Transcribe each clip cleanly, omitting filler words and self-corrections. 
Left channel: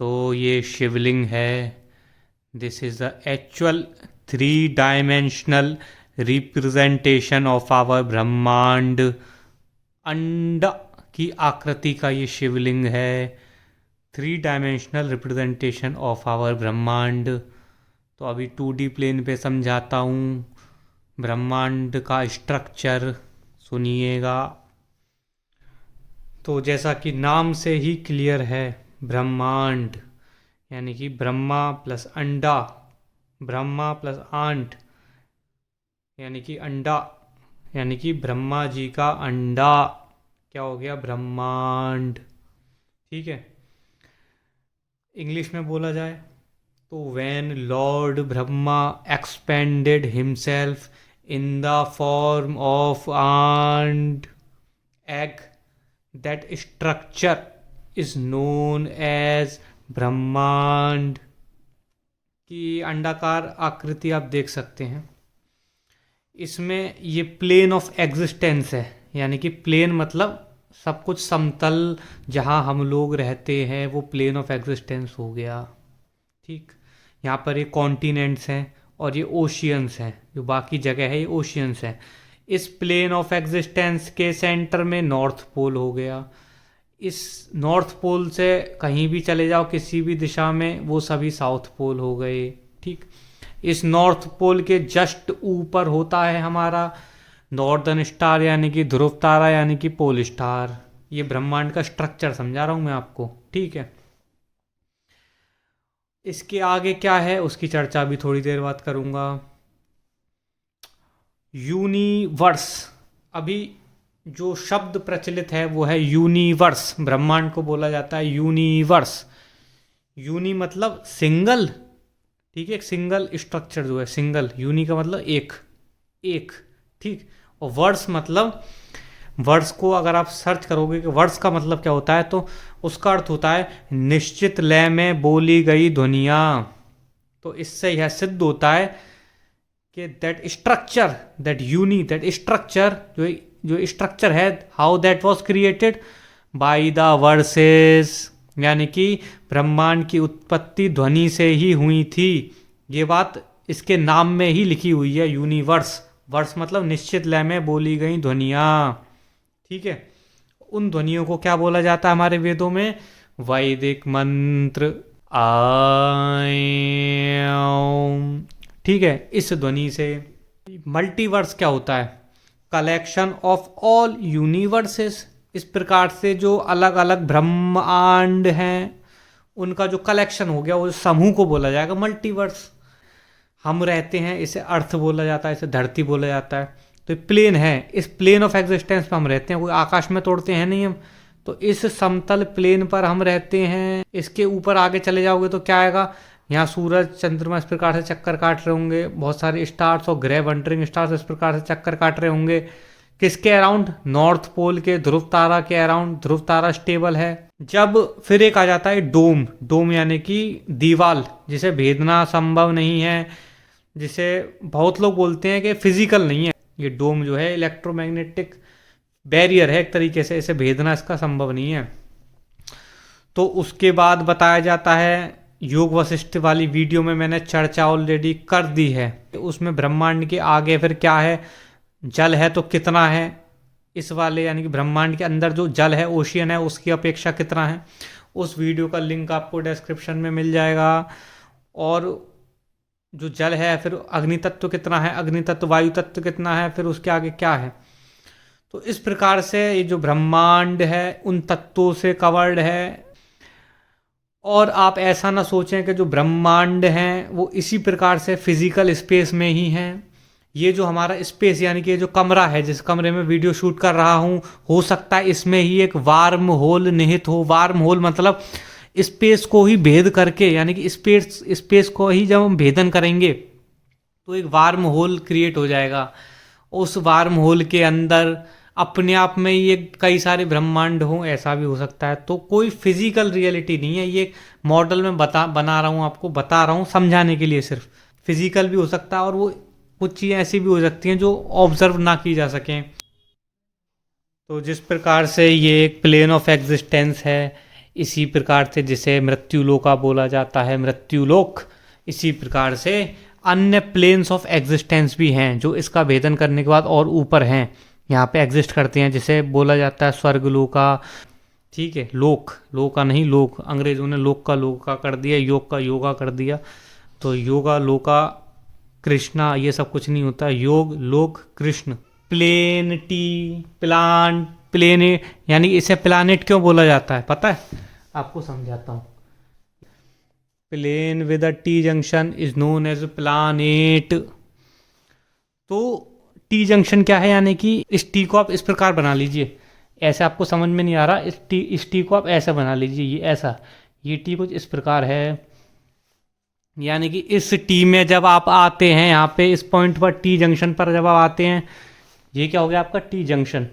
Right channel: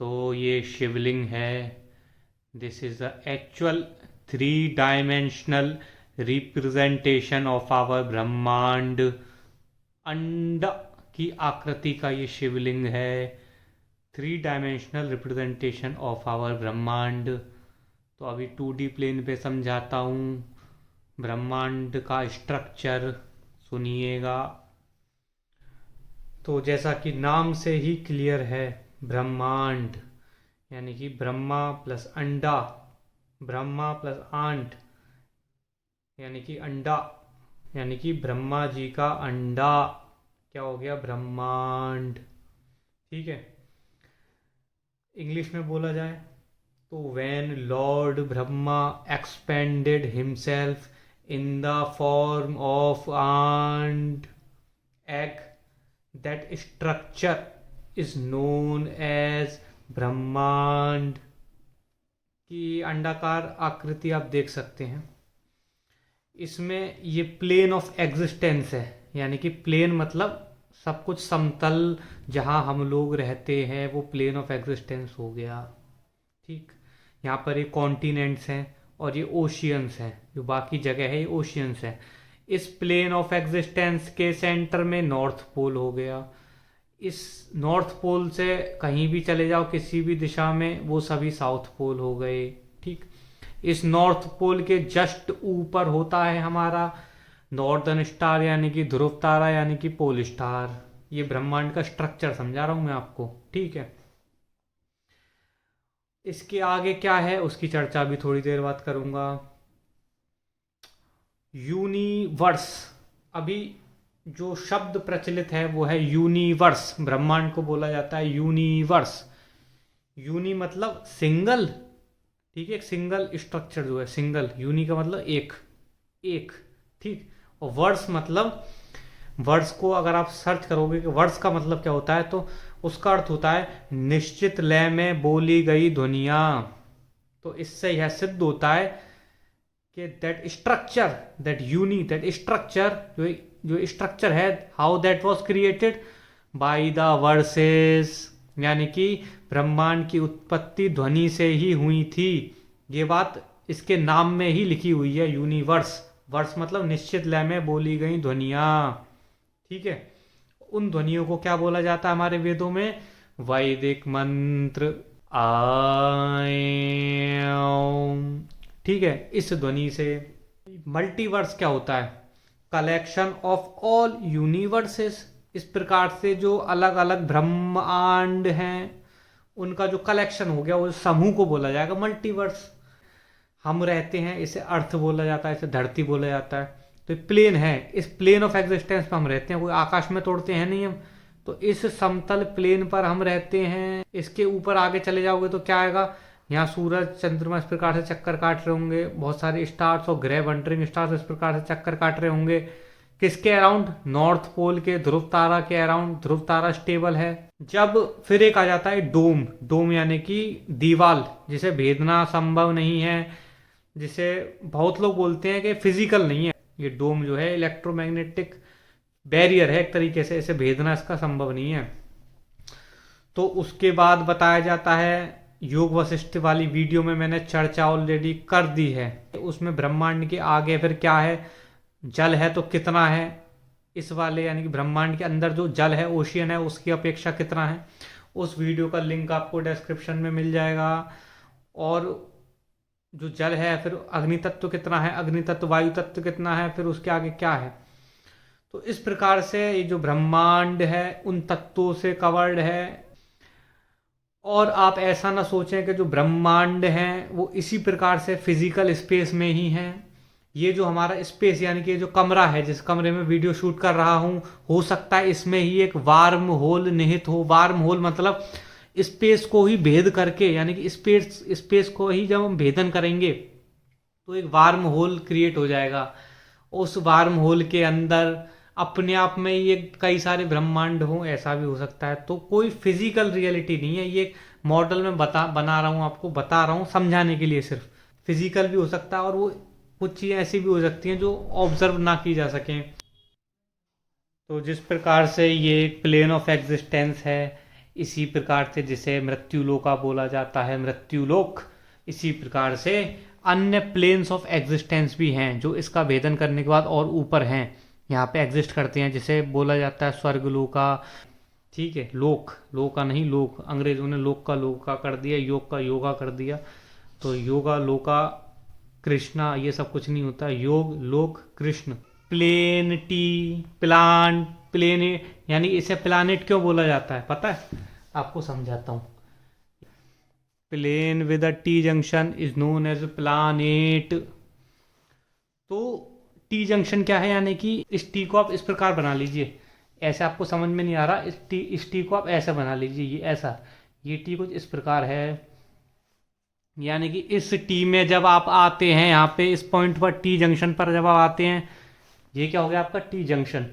तो ये शिवलिंग है। This is the actual 3 dimensional representation of our Brahmand. अंड की आकृति का ये शिवलिंग है। 3 डायमेंशनल रिप्रेजेंटेशन ऑफ आवर ब्रह्मांड। तो अभी 2D प्लेन पे समझाता हूँ ब्रह्मांड का स्ट्रक्चर। सुनिएगा। तो जैसा कि नाम से ही क्लियर है, ब्रह्मांड यानी कि ब्रह्मा प्लस अंडा, ब्रह्मा प्लस आंट यानी कि अंडा, यानी कि ब्रह्मा जी का अंडा क्या हो गया, ब्रह्मांड। ठीक है। इंग्लिश में बोला जाए तो when lord Brahma expanded himself in the form of ant egg, that structure is known as Brahmand. की अंडाकार आकृति आप देख सकते हैं। इसमें ये प्लेन ऑफ एग्जिस्टेंस है, यानी कि प्लेन मतलब सब कुछ समतल, जहाँ हम लोग रहते हैं वो प्लेन ऑफ एग्जिस्टेंस हो गया। ठीक। यहाँ पर ये कॉन्टिनेंट्स हैं और ये ओशियंस हैं, जो बाकी जगह है ये ओशियंस हैं। इस प्लेन ऑफ एग्जिस्टेंस के सेंटर में नॉर्थ पोल हो गया। इस नॉर्थ पोल से कहीं भी चले जाओ किसी भी दिशा में, वो सभी साउथ पोल हो गए। ठीक। इस नॉर्थ पोल के जस्ट ऊपर होता है हमारा नॉर्दर्न स्टार यानी कि ध्रुव तारा यानी कि पोल स्टार। ये ब्रह्मांड का स्ट्रक्चर समझा रहा हूँ मैं आपको। ठीक है। इसके आगे क्या है उसकी चर्चा भी थोड़ी देर बाद करूँगा। यूनिवर्स, अभी जो शब्द प्रचलित है वो है यूनिवर्स। ब्रह्मांड को बोला जाता है यूनिवर्स। यूनि मतलब सिंगल। ठीक है। एक सिंगल स्ट्रक्चर जो है, सिंगल। यूनि का मतलब एक, एक। ठीक। और वर्स मतलब, वर्स को अगर आप सर्च करोगे कि वर्स का मतलब क्या होता है, तो उसका अर्थ होता है निश्चित लय में बोली गई ध्वनियाँ। तो इससे यह सिद्ध होता है कि that structure, that uni, that structure, जो स्ट्रक्चर है, how that was created by the verses, यानी कि ब्रह्मांड की उत्पत्ति ध्वनि से ही हुई थी। ये बात इसके नाम में ही लिखी हुई है, यूनिवर्स। वर्स मतलब निश्चित लय में बोली गई ध्वनियाँ। ठीक है। उन ध्वनियों को क्या बोला जाता है हमारे वेदों में, वैदिक मंत्र आय। ठीक है। इस ध्वनि से मल्टीवर्स क्या होता है, कलेक्शन ऑफ ऑल यूनिवर्सेस। इस प्रकार से जो अलग अलग ब्रह्मांड हैं उनका जो कलेक्शन हो गया, वो समूह को बोला जाएगा मल्टीवर्स। हम रहते हैं, इसे अर्थ बोला जाता है, इसे धरती बोला जाता है। तो प्लेन है, इस प्लेन ऑफ एग्जिस्टेंस पर हम रहते हैं, कोई आकाश में तोड़ते हैं नहीं हम। तो इस समतल प्लेन पर हम रहते हैं। इसके ऊपर आगे चले जाओगे तो क्या आएगा, यहाँ सूरज चंद्रमा इस प्रकार से चक्कर काट रहे होंगे, बहुत सारे स्टार्स और ग्रह वंडरिंग स्टार्स इस प्रकार से चक्कर काट रहे होंगे। किसके अराउंड, नॉर्थ पोल के ध्रुव तारा के अराउंड। ध्रुव तारा स्टेबल है। जब फिर एक आ जाता है डोम। डोम यानी कि दीवाल, जिसे भेदना संभव नहीं है, जिसे बहुत लोग बोलते हैं कि फिजिकल नहीं है। ये डोम जो है इलेक्ट्रोमैग्नेटिक बैरियर है एक तरीके से, इसे भेदना इसका संभव नहीं है। तो उसके बाद बताया जाता है, योग वशिष्ठ वाली वीडियो में मैंने चर्चा ऑलरेडी कर दी है, तो उसमें ब्रह्मांड के आगे फिर क्या है, जल है तो कितना है, इस वाले यानी कि ब्रह्मांड के अंदर जो जल है, ओशियन है, उसकी अपेक्षा कितना है। उस वीडियो का लिंक आपको डिस्क्रिप्शन में मिल जाएगा। और जो जल है, फिर अग्नि तत्व कितना है, अग्नि तत्व, वायु तत्व कितना है, फिर उसके आगे क्या है। तो इस प्रकार से ये जो ब्रह्मांड है उन तत्वों से कवर्ड है। और आप ऐसा ना सोचें कि जो ब्रह्मांड हैं वो इसी प्रकार से फिजिकल स्पेस में ही हैं। ये जो हमारा स्पेस यानी कि जो कमरा है, जिस कमरे में वीडियो शूट कर रहा हूँ, हो सकता है इसमें ही एक वार्म होल निहित हो। वार्म होल मतलब स्पेस को ही भेद करके, यानी कि स्पेस को ही जब हम भेदन करेंगे तो एक वार्म होल क्रिएट हो जाएगा। उस वार्म होल के अंदर अपने आप में ये कई सारे ब्रह्मांड हों, ऐसा भी हो सकता है। तो कोई फिजिकल रियलिटी नहीं है, ये मॉडल में बना रहा हूँ, आपको बता रहा हूँ समझाने के लिए। सिर्फ फिजिकल भी हो सकता है और वो कुछ चीज़ें ऐसी भी हो सकती हैं जो ऑब्जर्व ना की जा सकें। तो जिस प्रकार से ये एक प्लेन ऑफ एग्जिस्टेंस है, इसी प्रकार से जिसे मृत्युलोका बोला जाता है, मृत्युलोक, इसी प्रकार से अन्य प्लेन्स ऑफ एग्जिस्टेंस भी हैं जो इसका भेदन करने के बाद और ऊपर हैं, यहाँ पे एग्जिस्ट करते हैं, जिसे बोला जाता है स्वर्गलोका। ठीक है, लोक, लोका नहीं लोक, अंग्रेजों ने लोक का लोका कर दिया, योग का योगा कर दिया, तो योगा लोका कृष्णा ये सब कुछ नहीं होता, योग लोक कृष्ण। प्लेनिटी, प्लान, प्लेनेट, यानी इसे प्लानेट क्यों बोला जाता है पता है, आपको समझाता हूँ। Plane with a T junction is known as planet. तो टी जंक्शन क्या है, यानी कि इस टी को आप इस प्रकार बना लीजिए, ऐसे आपको समझ में नहीं आ रहा, इस टी को आप ऐसा बना लीजिए, ये ऐसा, ये टी कुछ इस प्रकार है, यानी कि इस टी में जब आप आते हैं यहाँ पे इस पॉइंट पर टी जंक्शन पर जब आप आते हैं, ये क्या हो गया आपका टी जंक्शन।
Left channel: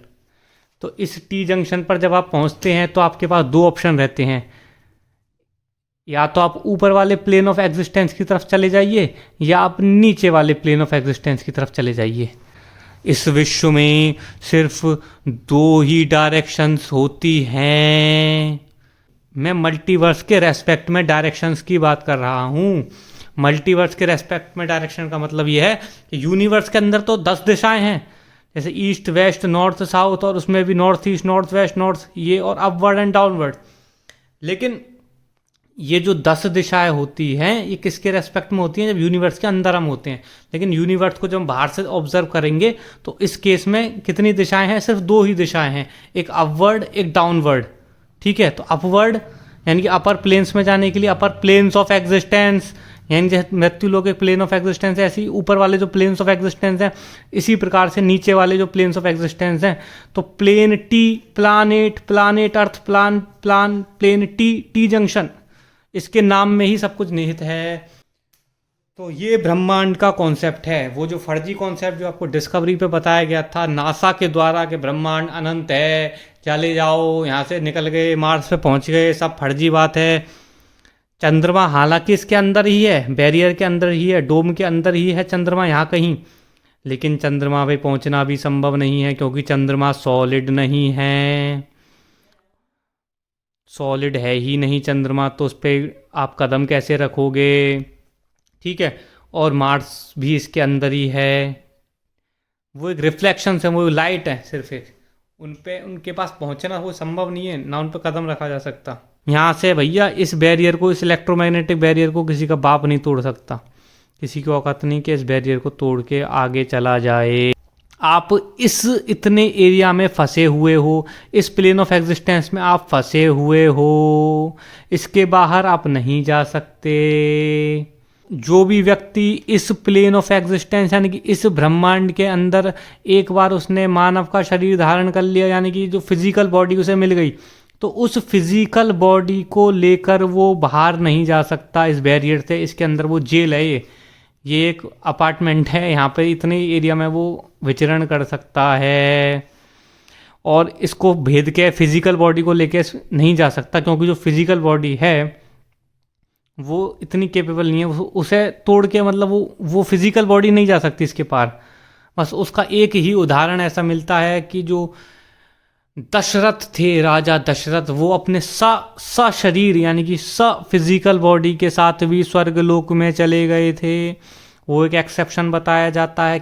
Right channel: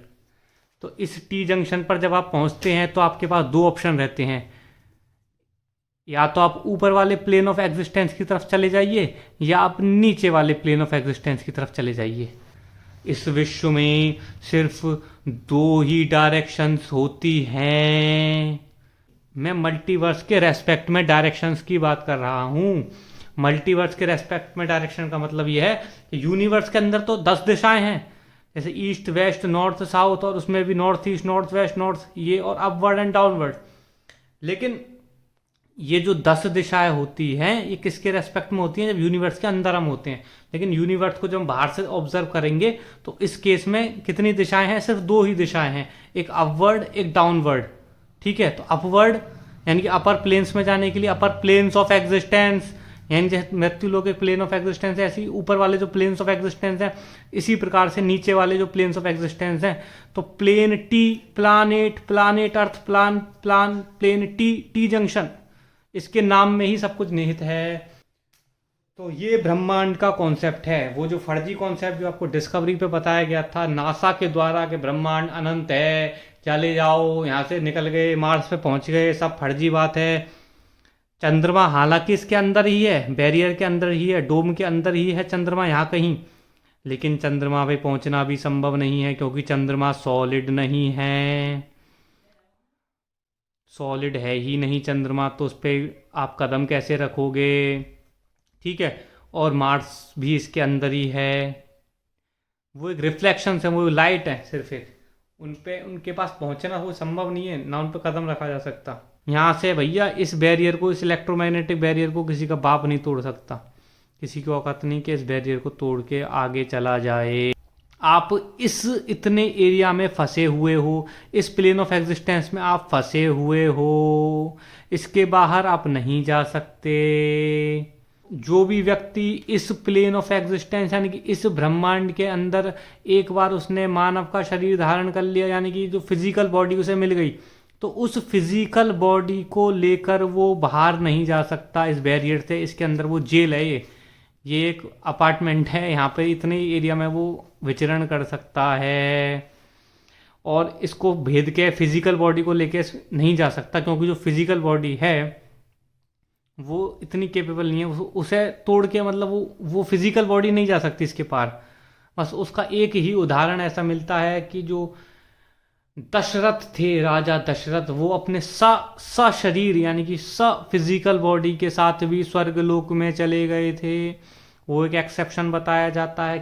तो इस टी जंक्शन पर जब आप पहुँचते हैं तो आपके पास दो ऑप्शन रहते हैं, या तो आप ऊपर वाले प्लेन ऑफ एग्जिस्टेंस की तरफ चले जाइए या आप नीचे वाले प्लेन ऑफ एग्जिस्टेंस की तरफ चले जाइए। इस विश्व में सिर्फ दो ही डायरेक्शंस होती हैं। मैं मल्टीवर्स के रेस्पेक्ट में डायरेक्शंस की बात कर रहा हूँ। मल्टीवर्स के रेस्पेक्ट में डायरेक्शन का मतलब ये है कि यूनिवर्स के अंदर तो 10 दिशाएं हैं, जैसे ईस्ट वेस्ट नॉर्थ साउथ, और उसमें भी north east north west north ये, और अपवर्ड एंड डाउनवर्ड। लेकिन ये जो 10 दिशाएं होती हैं ये किसके रेस्पेक्ट में होती हैं, जब यूनिवर्स के अंदर हम होते हैं। लेकिन यूनिवर्स को जब हम बाहर से ऑब्जर्व करेंगे तो इस केस में कितनी दिशाएं हैं, सिर्फ दो ही दिशाएं हैं, एक अपवर्ड एक डाउनवर्ड। ठीक है, तो अपवर्ड यानी कि अपर प्लेन्स में जाने के लिए अपर प्लेन्स ऑफ एग्जिस्टेंस, यानी जैसे मृत्युलोक एक प्लेन ऑफ एग्जिस्टेंस है, ऐसे ही ऊपर वाले जो प्लेन्स ऑफ एग्जिस्टेंस हैं इसी प्रकार से नीचे वाले जो प्लेन्स ऑफ एग्जिस्टेंस हैं। तो plane T, planet, planet earth, plan plan plane T, T junction, इसके नाम में ही सब कुछ निहित है। तो ये ब्रह्मांड का कॉन्सेप्ट है, वो जो फर्जी कॉन्सेप्ट जो आपको डिस्कवरी पे बताया गया था नासा के द्वारा कि ब्रह्मांड अनंत है, चले जाओ यहाँ से निकल गए मार्स पे पहुँच गए, सब फर्जी बात है। चंद्रमा हालांकि इसके अंदर ही है, बैरियर के अंदर ही है, डोम के अंदर ही है चंद्रमा यहाँ कहीं, लेकिन चंद्रमा पे पहुँचना भी संभव नहीं है क्योंकि चंद्रमा सॉलिड नहीं है, सॉलिड है ही नहीं चंद्रमा, तो उस पर आप कदम कैसे रखोगे। ठीक है, और मार्स भी इसके अंदर ही है, वो एक रिफ्लेक्शन है, वो लाइट है सिर्फ एक, उनके पास पहुंचना वो संभव नहीं है, ना उन पर कदम रखा जा सकता। यहाँ से भैया इस बैरियर को, इस इलेक्ट्रोमैग्नेटिक बैरियर को किसी का बाप नहीं तोड़ सकता, किसी की औकात नहीं कि इस बैरियर को तोड़ के आगे चला जाए। आप इस इतने एरिया में फंसे हुए हो, इस प्लेन ऑफ एग्जिस्टेंस में आप फंसे हुए हो, इसके बाहर आप नहीं जा सकते। जो भी व्यक्ति इस प्लेन ऑफ एग्जिस्टेंस यानी कि इस ब्रह्मांड के अंदर एक बार उसने मानव का शरीर धारण कर लिया, यानी कि जो फिजिकल बॉडी उसे मिल गई, तो उस फिजिकल बॉडी को लेकर वो बाहर नहीं जा सकता इस बैरियर से। इसके अंदर वो जेल है, ये एक अपार्टमेंट है, यहाँ पे इतने एरिया में वो विचरण कर सकता है, और इसको भेद के फिजिकल बॉडी को लेके नहीं जा सकता क्योंकि जो फिजिकल बॉडी है वो इतनी कैपेबल नहीं है, उसे तोड़ के मतलब वो फिजिकल बॉडी नहीं जा सकती इसके पार। बस उसका एक ही उदाहरण ऐसा मिलता है कि जो दशरथ थे, राजा दशरथ, वो अपने स शरीर यानी कि स फिजिकल बॉडी के साथ भी स्वर्गलोक में चले गए थे। वो एक एक्सेप्शन बताया जाता है।